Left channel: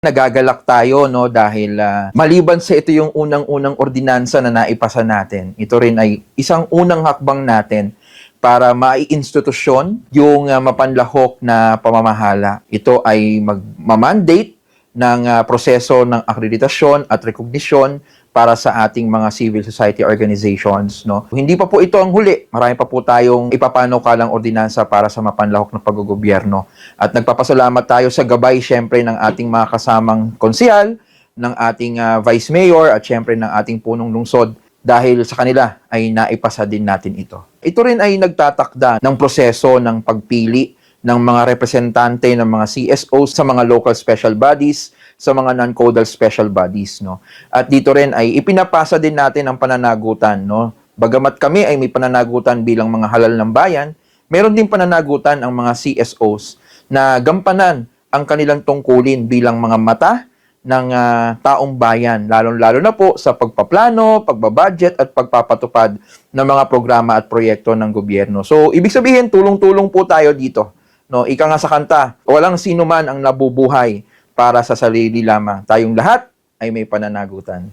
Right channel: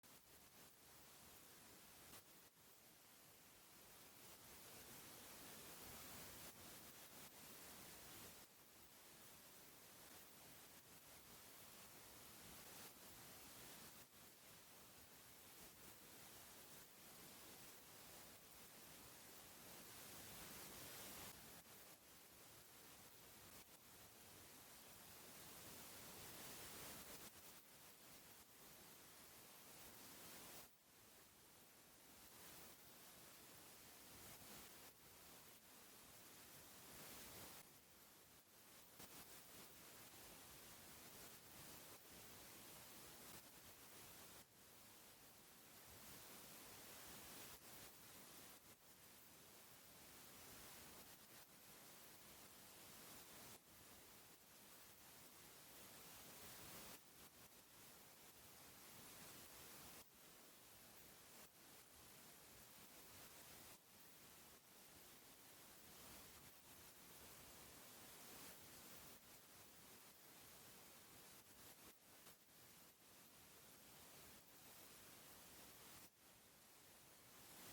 Nagagalak tayo no dahil ah, maliban sa ito yung unang-unang ordinansa na naipasa natin. Ito rin ay isang unang hakbang natin para maiinstitusyon yung ah, mapanlahok na pamamahala. Ito ay magmamandate ng ah, proseso ng akreditasyon at rekognisyon para sa ating mga civil society organizations. No? Hindi pa po ito ang huli. Marami pa po tayong ipapanukalang ordinansa para sa mapanlahok na paggogobyerno. At nagpapasalamat tayo sa gabay syempre ng ating mga kasamang konsihal, ng ating ah, vice mayor at syempre ng ating punong lungsod dahil sa kanila ay naipasa din natin ito. Ito rin ay nagtatakda ng proseso ng pagpili ng mga representante ng mga CSOs sa mga local special bodies, sa mga non-codal special bodies, no. At dito rin ay ipinapasa din natin ang pananagutan, no. Bagamat kami ay may pananagutan bilang mga halal ng bayan, meron din pananagutan ang mga CSOs na gampanan ang kanilang tungkulin bilang mga mata ng ah, taong bayan, lalong-lalo na po sa pagpaplano, pagbabudget at pagpapatupad ng mga programa at proyekto ng gobyerno. So, ibig sabihin, tulong-tulong po tayo dito. No, ika nga sa kanta, walang sino man ang nabubuhay para sa sarili lamang. Tayong lahat ay may pananagutan.